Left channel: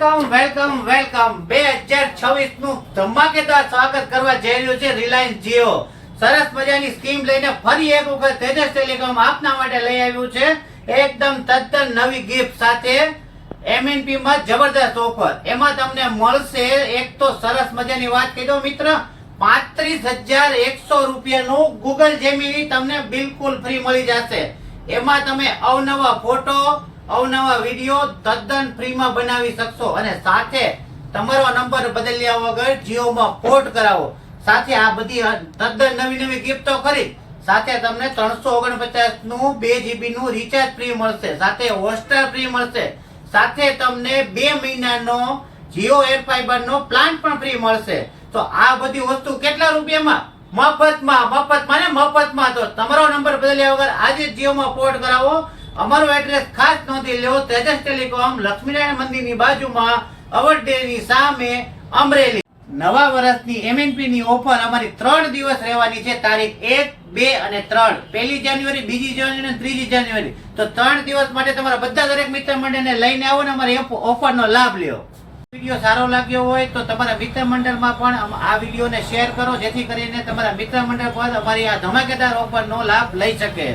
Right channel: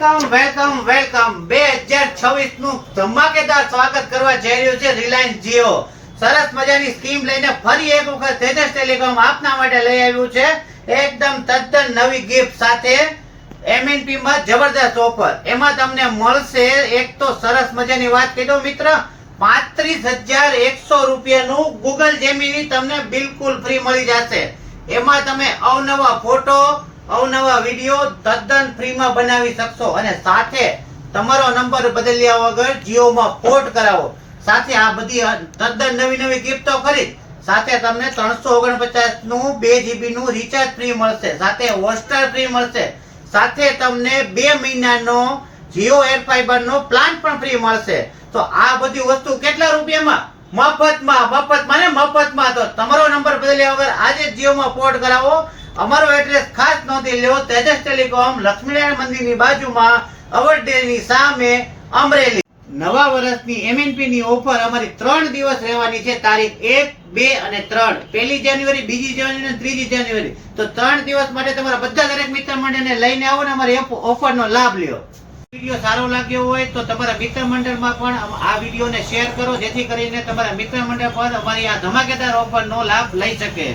Welcome 2026 નું ધમાકેદાર સ્વાગત કરવા જઈ રહ્યું છે રિલાયન્સ જીઓ. સરસ મજાની સ્કીમ લઈને ફરી એક વખત તેજસ ટેલિકોમ આપના માટે લઈ આવ્યું છે એકદમ તદ્દન નવી ગિફ્ટ સાથે એમએનપી માં જબરદસ્ત ઓફર. એમાં તમને મળશે એક તો સરસ મજાની વાત કહી દઉં મિત્ર, 35,100 રૂપિયાનું ગૂગલ જેમિની તમને બિલકુલ ફ્રી મળી જશે. એમાં તમે અવનવા ફોટો અવનવા વિડીયો તદ્દન ફ્રીમાં બનાવી શકશો અને સાથે તમારો નંબર બદલ્યા વગર જીઓમાં પોર્ટ કરાવો. સાથે આ બધી તદ્દન નવી ગિફ્ટો ખરીદ સાથે તમને 349 નું 2 GB નું રિચાર્જ ફ્રી મળશે, સાથે હોટસ્ટાર ફ્રી મળશે, સાથે તમને 2 મહિનાનો જીઓ એર ફાઈબર નો પ્લાન પણ ફ્રી મળશે. તો આ બધી વસ્તુ કેટલા રૂપિયામાં? મફતમાં. તો તમારો નંબર બદલ્યા વગર આજે જીઓમાં પોર્ટ કરાવો. અમારું એડ્રેસ ખાસ નોંધી લો, તેજસ ટેલિકોમ, લક્ષ્મીનારાયણ મંદિરની બાજુમાં, અવડેની સામે, અમરેલી. નવા વર્ષની એમએનપી ની ઓફર અમારી 3 દિવસ રહેવાની છે, તારીખ 1, 2 અને 3. 1 જાન્યુઆરી, 2 જાન્યુઆરી અને 3 જાન્યુઆરી. તો 3 દિવસ માટે તમારા બધા દરેક મિત્ર મંડળને લઈને આવો ને અમારી ઓફરનો લાભ લ્યો. વિડીયો સારો લાગ્યો હોય તો તમારા મિત્ર મંડળમાં પણ આ વિડીયોને શેર કરો, જેથી કરીને તમારા મિત્ર મંડળ પર અમારી આ ધમાકેદાર ઓફરનો લાભ લઈ શકે.